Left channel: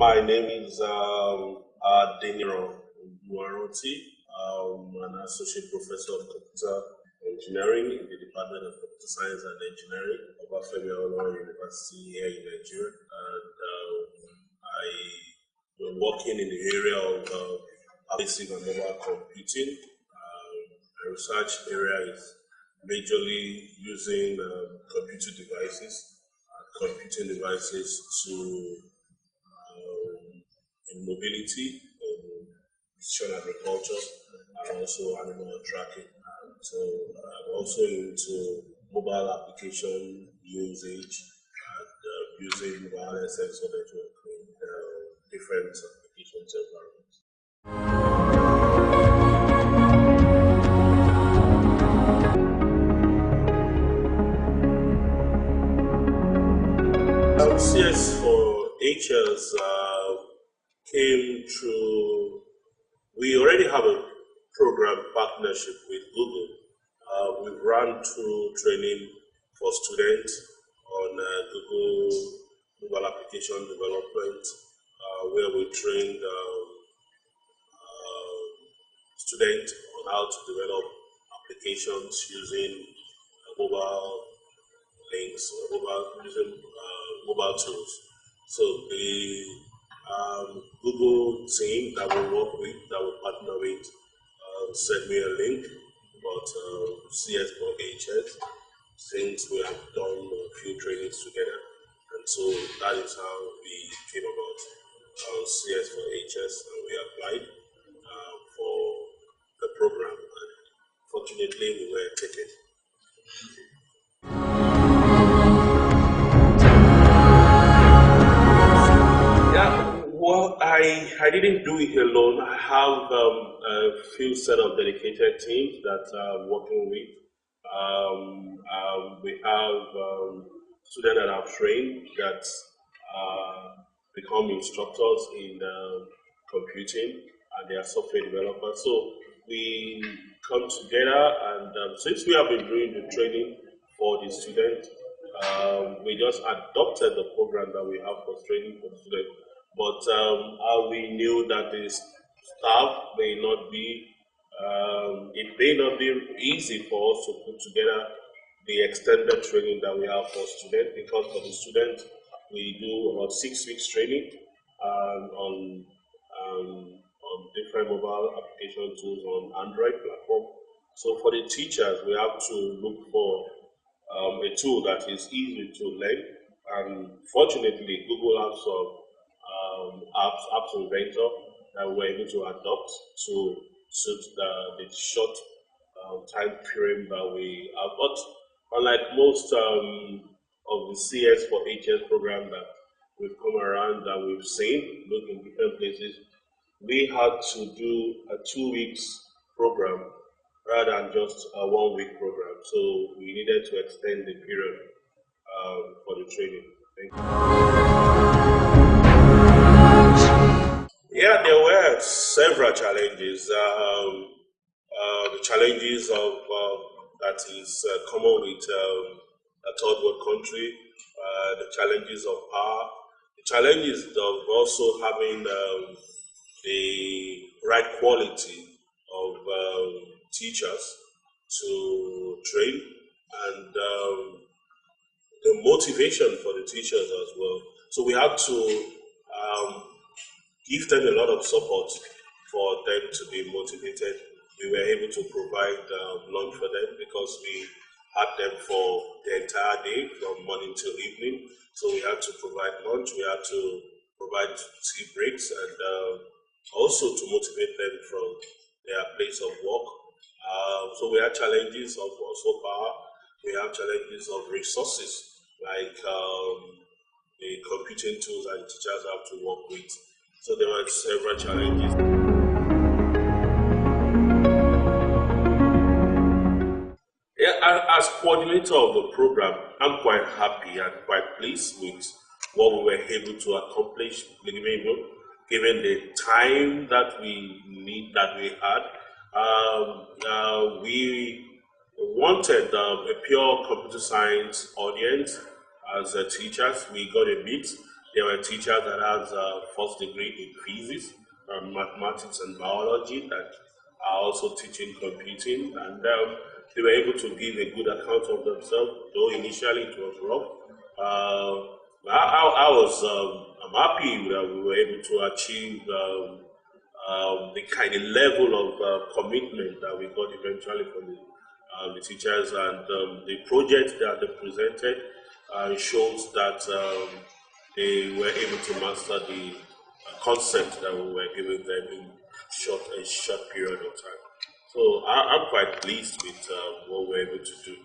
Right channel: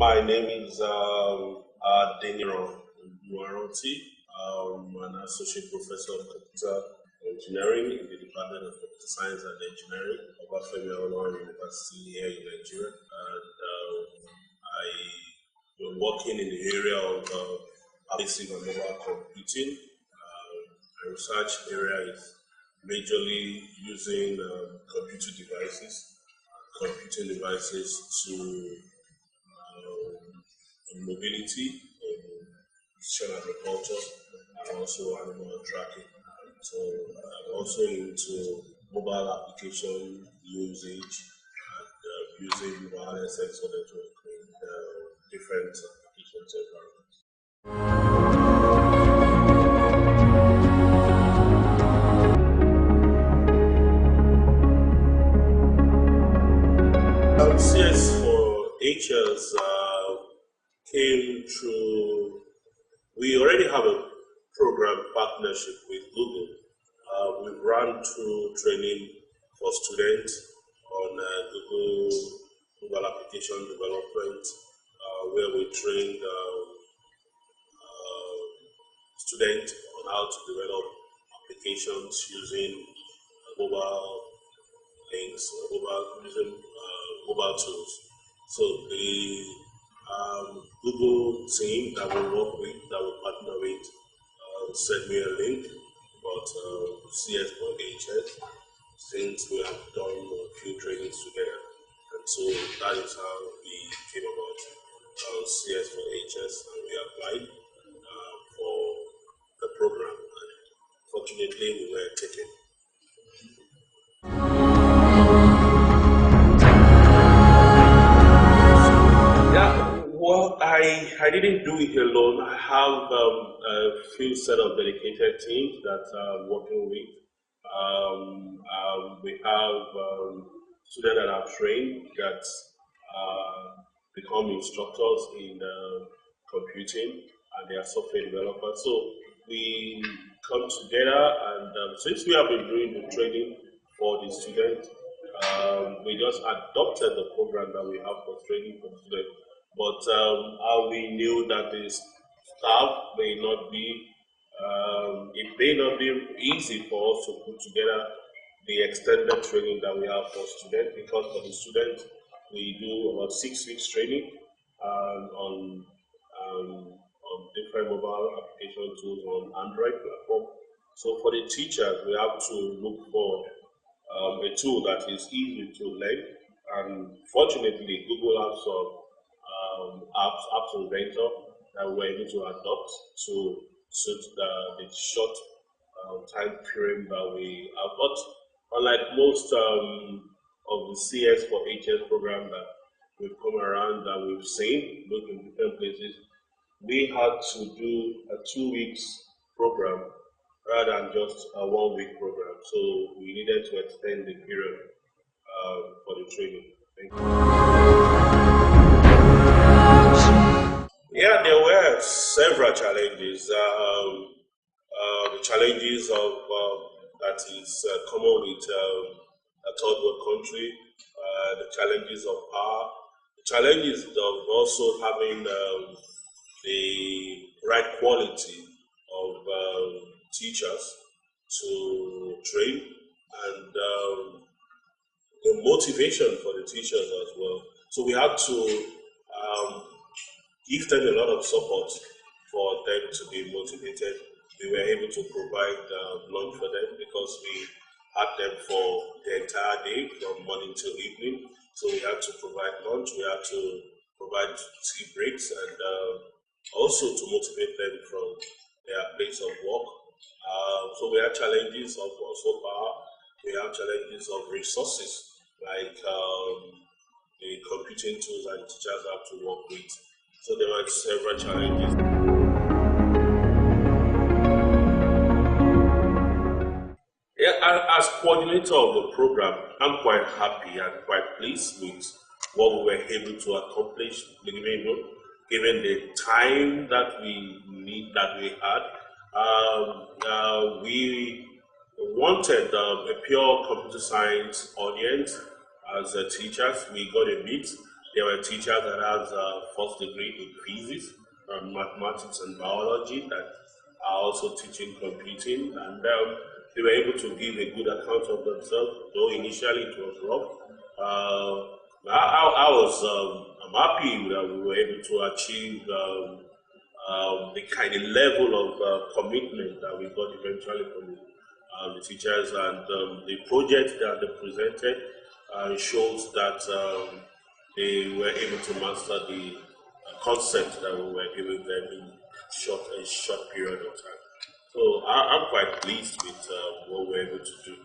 My name is Deniro Nuaroti. I'm an associate professor of computer engineering in the Department of Computer Science and Engineering, Obafemi Awolowo University here in Nigeria. And I'm working in the area of pervasive and mobile computing. My research area is majorly using computing devices to in mobility, in precision agriculture, and also animal tracking. So I'm also into mobile application usage and using wireless sensor network in different applications environments. CS4HS came through. We already have a program partnership with Google. We've run through training for students on Google mobile application development, where we trained students on how to develop applications using mobile links or using mobile tools. So the Google team that we work with, that we partner with, sent me a link about CS4HS, since we have done a few trainings together. And so that is how we came about CS4HS, and we applied for the program. And fortunately, we were taken. Well, I didn't do it alone. I have a few set of dedicated teams that I'm working with. We have students that I've trained that become instructors in computing, and they are software developers. So we come together, and since we have been doing the training for the students, we just adopted the program that we have for training for the students. But we knew that the staff may not be, it may not be easy for us to put together the extended training that we have for students, because for the students, we do about 6 weeks training on different mobile application tools on Android platform. So for the teachers, we have to look for a tool that is easy to learn, and fortunately, Google has some apps inventor that we're able to adopt to suit the short time frame that we have. But unlike most of the CS4HS program that we've come around that we've seen, look in different places, we had to do a 2 weeks program rather than just a 1 week program. So we needed to extend the period for the training. Thank you. Yeah, there were several challenges. The challenges of that is common with a third world country. The challenges of power. The challenges of also having the right quality of teachers to train, and the motivation for the teachers as well. So we had to give them a lot of support for them to be motivated. We were able to provide lunch for them because we had them for the entire day from morning till evening. So we had to provide lunch, we had to provide tea breaks, and also to motivate them from their place of work. So we had challenges of also power, we have challenges of resources, like the computing tools that teachers have to work with. So there were several challenges. Yeah, as coordinator of the program, I'm quite happy and quite pleased with what we were able to accomplish, given the time that we had. We wanted a pure computer science audience as teachers. We got a mix. There were teachers that have first degree in physics, mathematics, and biology that are also teaching computing, and they were able to give a good account of themselves. Though initially it was rough, I'm happy that we were able to achieve the kind of level of commitment that we got eventually from the teachers, and the project that they presented shows that they were able to master the concept that we were giving them in a short period of time. So I'm quite pleased with what we're able to do.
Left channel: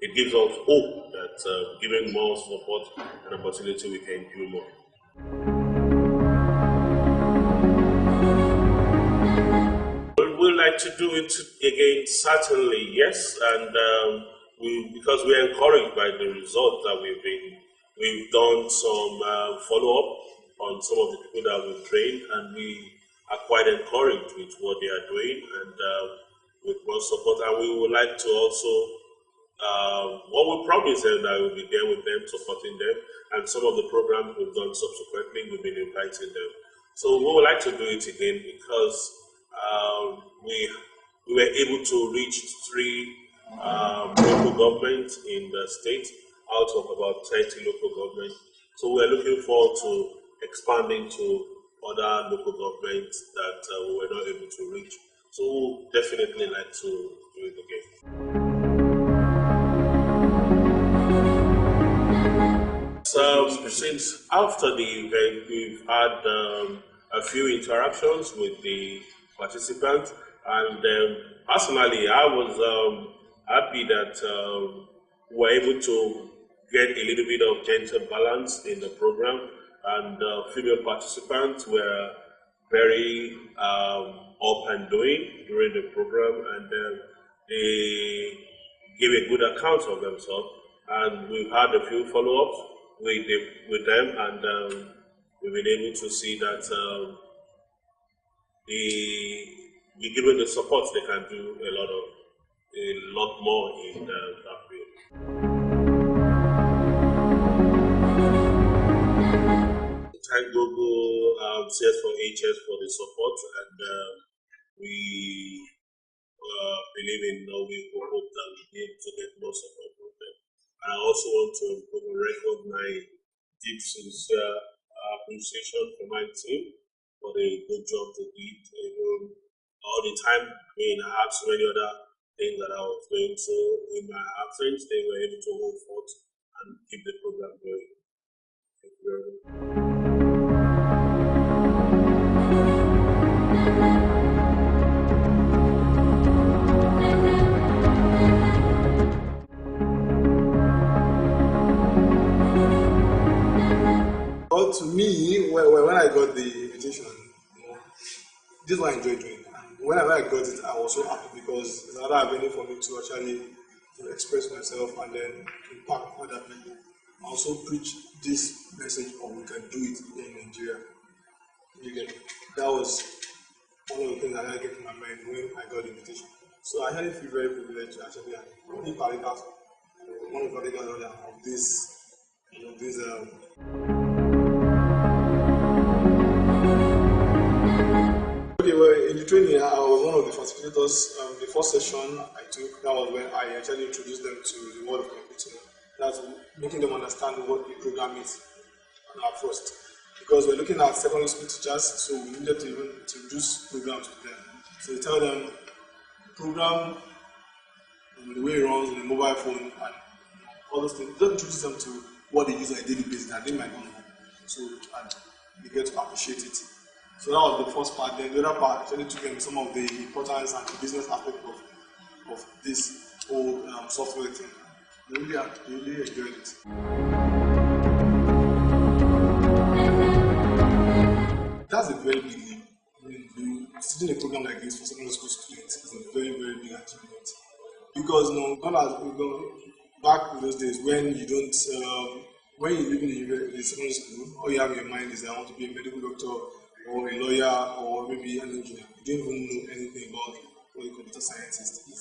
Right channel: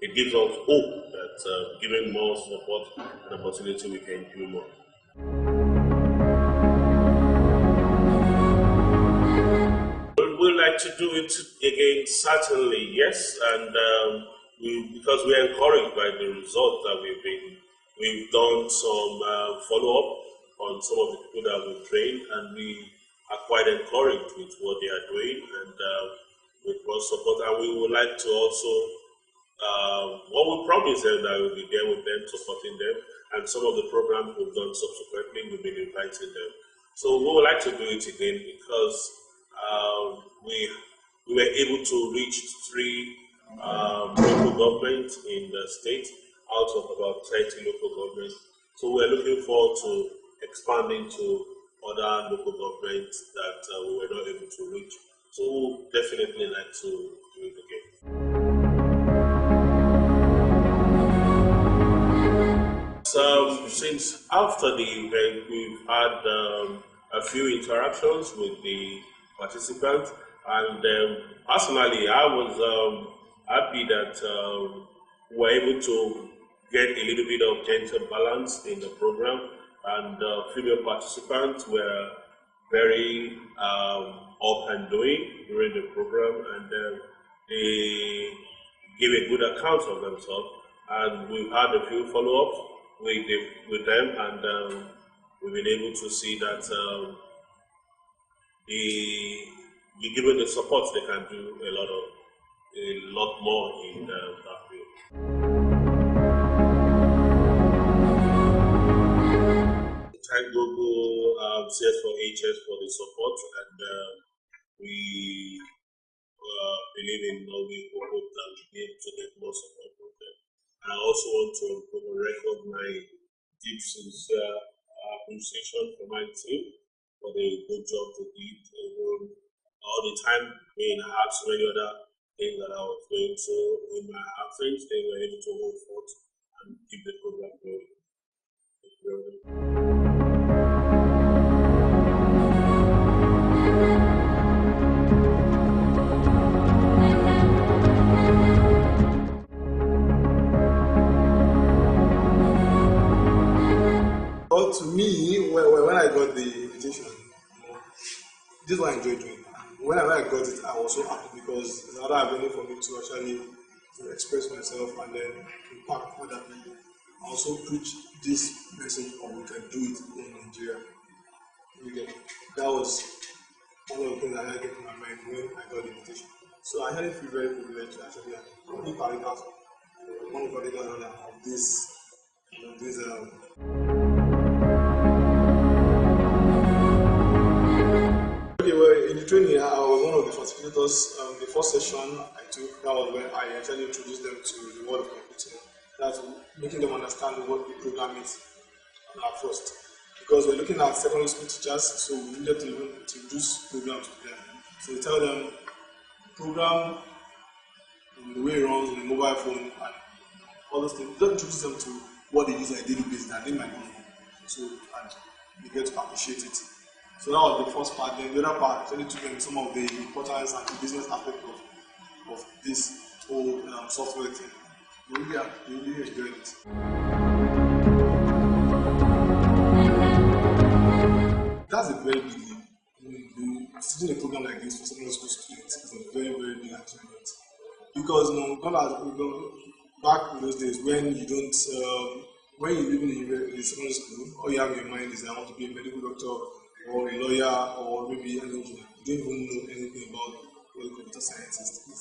It gives us hope that giving more support and opportunity, we can do more. We like to do it again, certainly, yes, and because we're encouraged by the results that we've done some follow-up on some of the people that we've trained, and we are quite encouraged with what they are doing, and with more support. And we would like to also, what we promise them, that we'll be there with them, supporting them, and some of the programs we've done subsequently, we've been inviting them. So we would like to do it again because we were able to reach 3 local governments in the state out of about 30 local governments. So we're looking forward to expanding to other local governments that we were not able to reach. So we'll definitely like to do it again. So since after the event, we've had a few interactions with the participants, and personally, I was happy that we were able to get a little bit of gender balance in the program, and female participants were very up and doing during the program, and they gave a good account of themselves, and we've had a few follow-ups with them, and we've been able to see that given the support, they can do a lot more in that field. Thank Google CS4HS for the support, and we believe in we hope that we be able to get more support from them. I also want to record my deep, sincere appreciation for my team for the good job they did. All the time, I had so many other things that I was doing, so in my absence, they were able to hold forth and keep the program going. Thank you very much. Well, to me, when I got the invitation, this is what I enjoyed doing. When I got it, I was so happy because it's another avenue for me to actually express myself and then impact other people. I also preach this message of we can do it in Nigeria. That was one of the things that I get in my mind when I got the invitation. So I actually feel very privileged to actually be one of the coordinators of this. Okay, well, in the training, I was one of the facilitators. The first session I took, that was when I actually introduced them to the world of computing. That's making them understand what the program is first. Because we're looking at secondary school teachers, so we needed to even introduce programs to them. So we tell them the program, the way it runs on the mobile phone, and all those things. Just introduce them to what they use on a daily basis that they might not know. So, and they get to appreciate it. So that was the first part. Then the other part actually took them some of the importance and the business aspect of this whole software thing. They really enjoyed it. That's a very big leap. Teaching a program like this for secondary school students is a very, very big achievement. Because back in those days when you don't, when you're living in secondary school, all you have in your mind is I want to be a medical doctor or a lawyer or maybe an engineer. You don't even know anything about what a computer scientist is.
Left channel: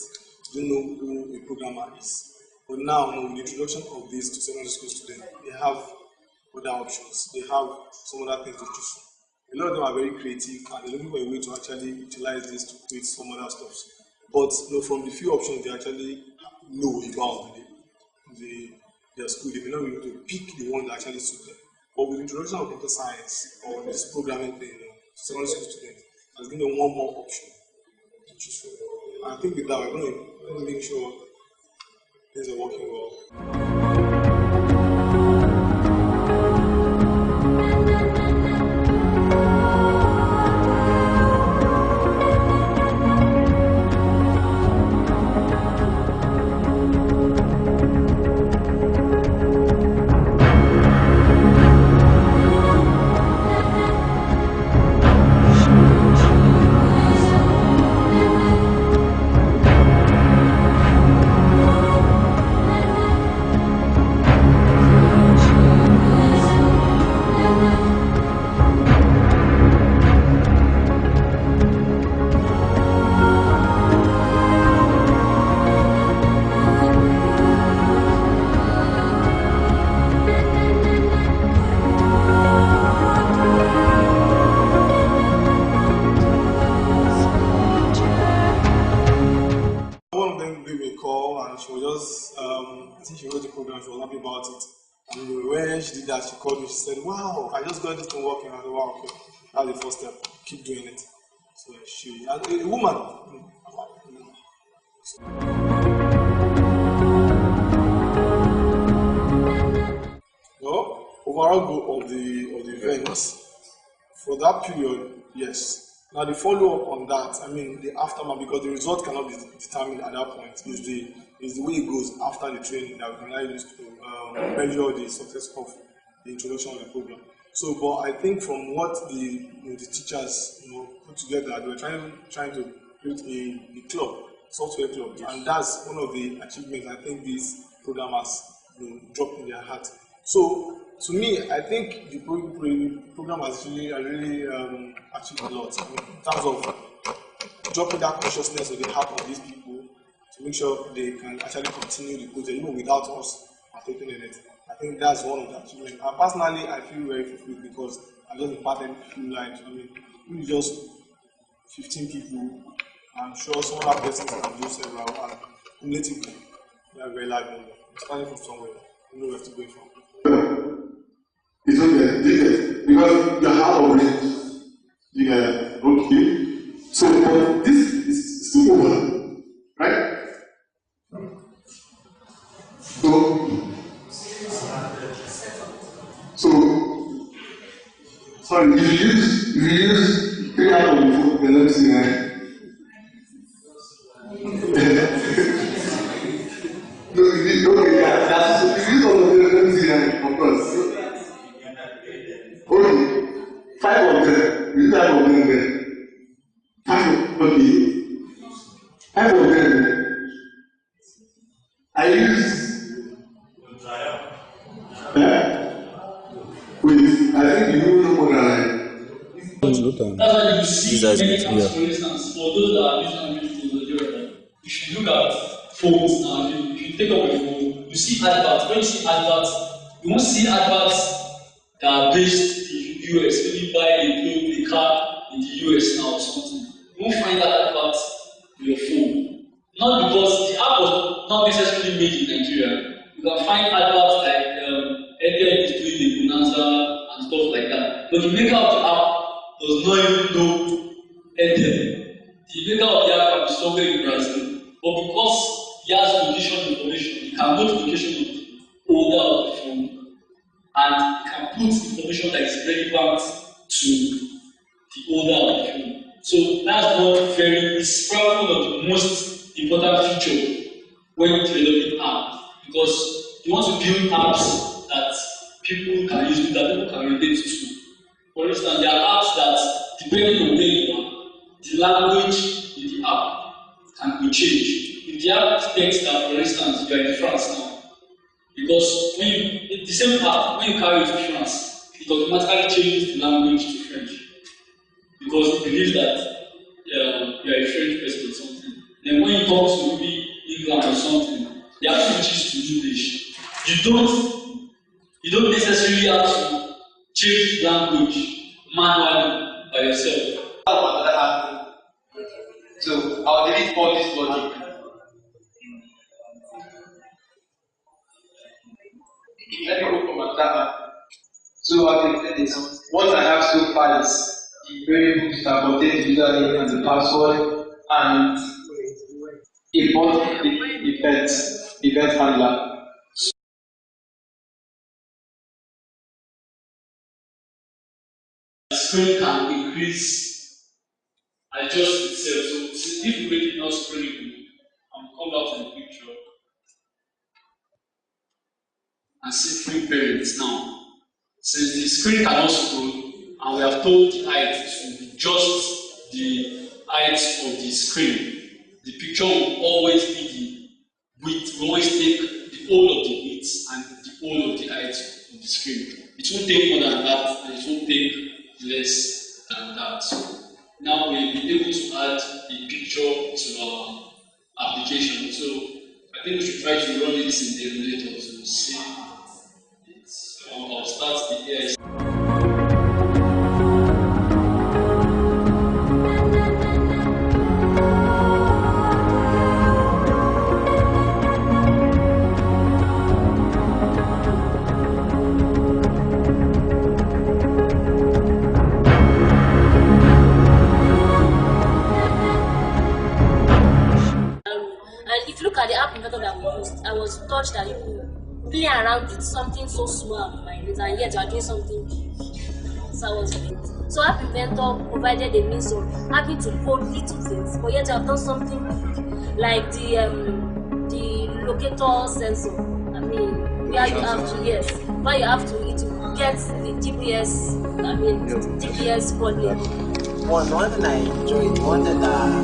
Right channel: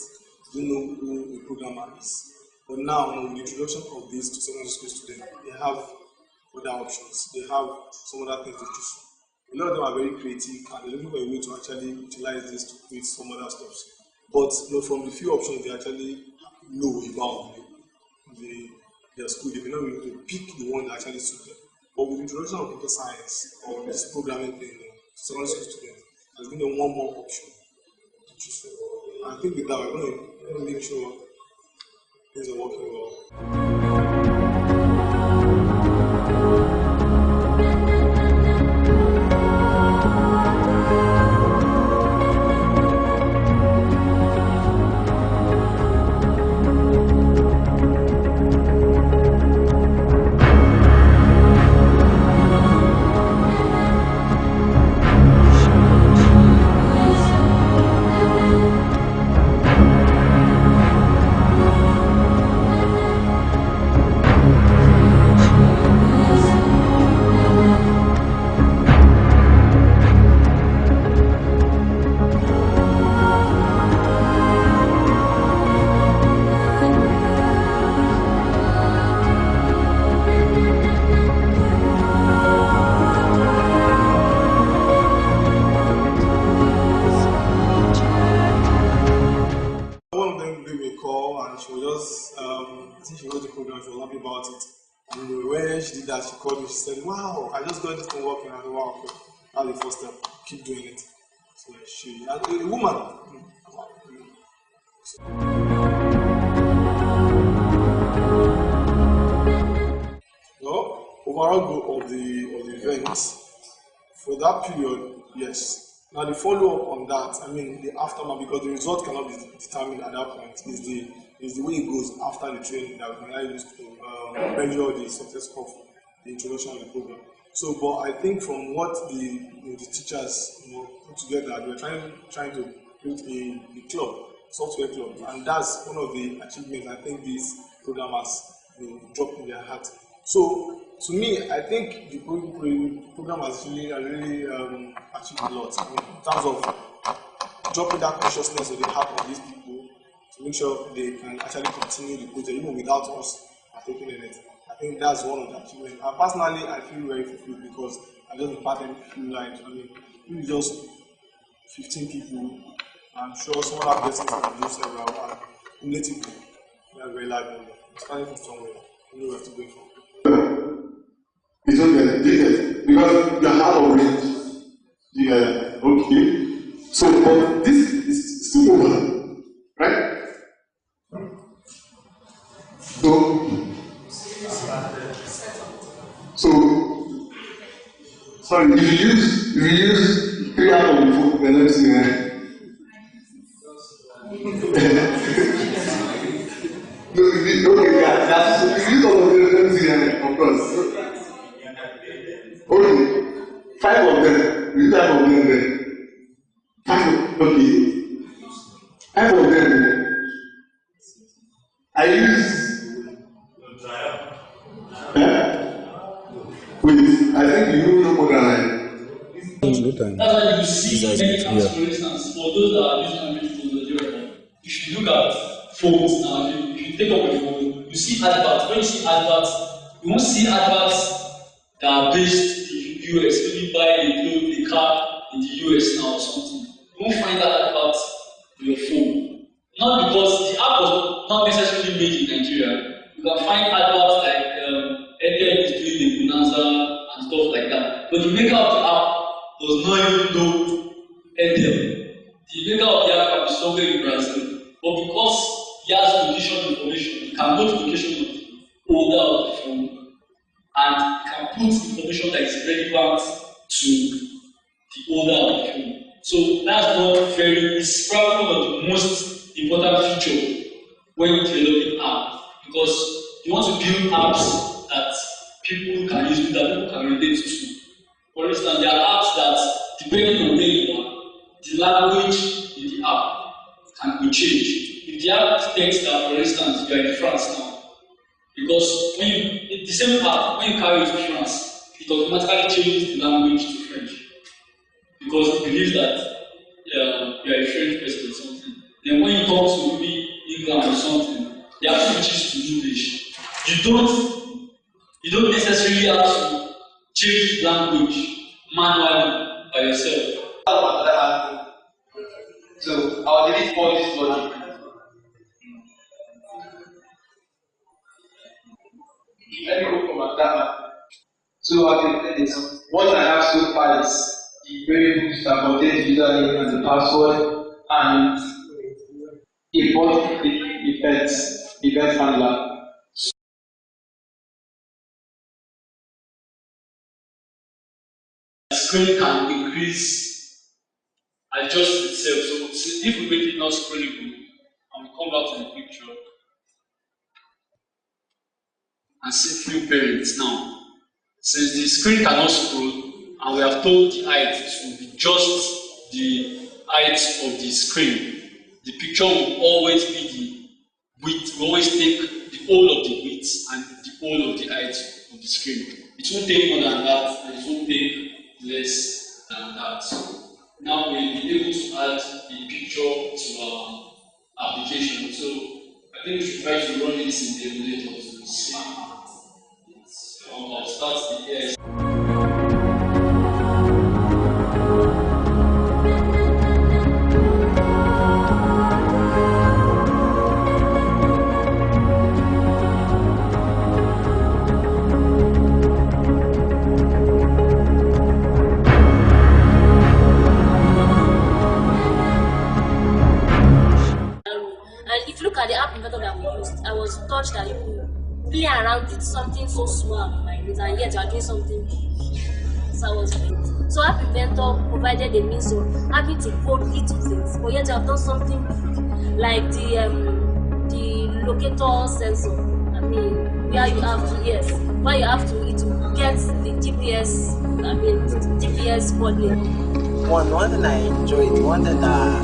You don't know who a programmer is. But now, with the introduction of these to secondary school students, they have other options. They have some other things to choose from. A lot of them are very creative and they're looking for a way to actually utilize this to create some other stuff. But from the few options they actually know about their school, they may not be able to pick the one that actually suits them. But with the introduction of computer science or this programming thing, secondary school students has given them one more option to choose from. And I think with that, we're going to make sure things are working well. I think she wrote the program, she was happy about it. And when she did that, she called me, she said, wow, I just got this thing working. I said, wow, okay, that's the first step, keep doing it. So she, a woman. No, overall goal of the event, for that period, yes. Now the follow-up on that, I mean the aftermath, because the result cannot be determined at that point, is the way it goes after the training that we can use to measure the success of the introduction of the program. So, but I think from what the teachers put together, they were trying to build a club, software club, and that's one of the achievements I think these programmers dropped in their heart. So, to me, I think the program has really achieved a lot. I mean, in terms of dropping that consciousness of the heart of these people to make sure they can actually continue the project even without us partaking in it. I think that's one of the achievements. And personally, I feel very fulfilled because I just imparted a few lives. I mean, really just 15 people. I'm sure some other persons can do several, and cumulatively, we are very live number. Starting from somewhere, we know where to go from. It's okay, because you have already, okay. So, this is still over, right? So, sorry, if you use 3 out of the 4, then let me see, no, okay, yeah, so if you use all of them, let me see, of course. Okay, 5 of them, you 5 of them there. 5 okay. 5 of them. I use. Wait, I think you know more than I. That's why you see many apps, for instance, for those that are using Android phones or whatever. You should look at phones now. If you take up a phone, you see adverts. When you see adverts, you won't see adverts that are based in the US. Maybe buy a car in the US now or something. You won't find that advert on your phone. Not because the app was not necessarily made in Nigeria. You can find adverts like Airtel is doing the Bonanza and stuff like that. But the maker of the app does not even know Airtel. The maker of the app can be somewhere in Brazil. But because he has location information, he can know the location of the owner of the phone and can put information that is relevant to the owner of the phone. So that's not it's probably one of the most important feature when developing apps, because you want to build apps that people can use, that people can relate to. For instance, there are apps that, depending on where you are, the language in the app can be changed. If the app takes that, for instance, you are in France now, because the same app, when you carry it to France, it automatically changes the language to French. Because it believes that you are a French person or something. Then when you talk to maybe England or something, They have switches to English. You don't necessarily have to change the language manually by yourself. So I'll delete all this logic. Let me go from another. So I can tell this. What I have so far is the variables that contain the username and the password and import event handler. The screen can increase, adjust itself. So if we make it not scrollable, and we come back to the picture and see free parents now. Since the screen cannot scroll, and we have told the height to be just the height of the screen, the picture will always be the width. We always take the whole of the width and the whole of the height of the screen. It won't take more than that, and it won't take less than that. So now we'll be able to add a picture to our application. So I think we should try to run this in the emulator to see. I'll start the AI. And if you look at the app inventor that we used, I was touched that you could play around with something so small like this, and yet you are doing something big. So I was great. So app inventor provided a means of having to code little things, but yet you have done something big, like the locator sensor. I mean, where you have to it will get the GPS. I mean, GPS coordinate. One thing I enjoyed, one thing that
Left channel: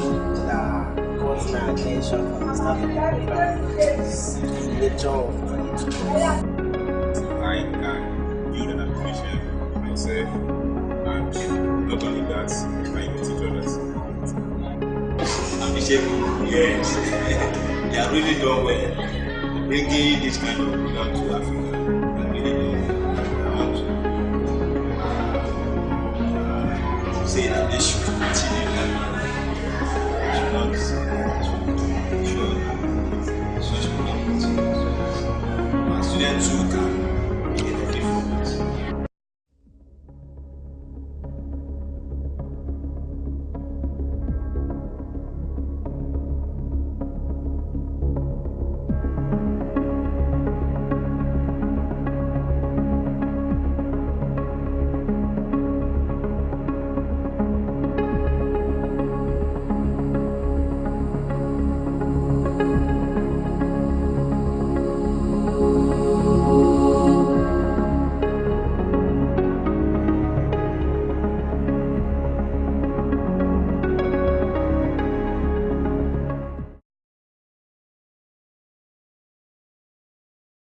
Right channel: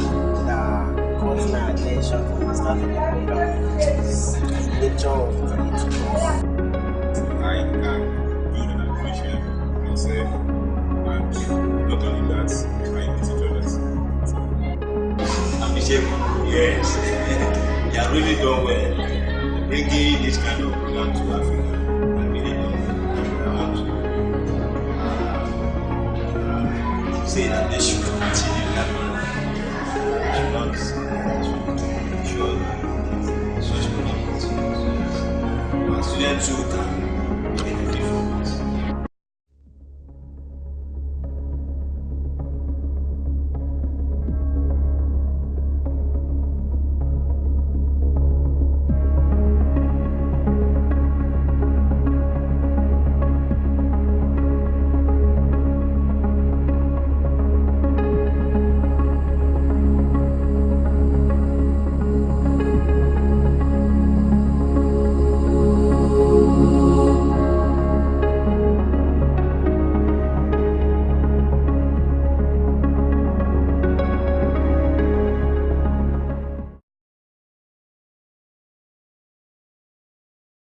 caught my attention from the start of the program is the nature of the tutorial. I can build an application myself, and not only that, I can even teach others. Appreciate yes, they are really done well. Bringing this kind of program to Africa, they are really done well. I want to say that they should continue learning. They should not ensure that such program continues. And students too can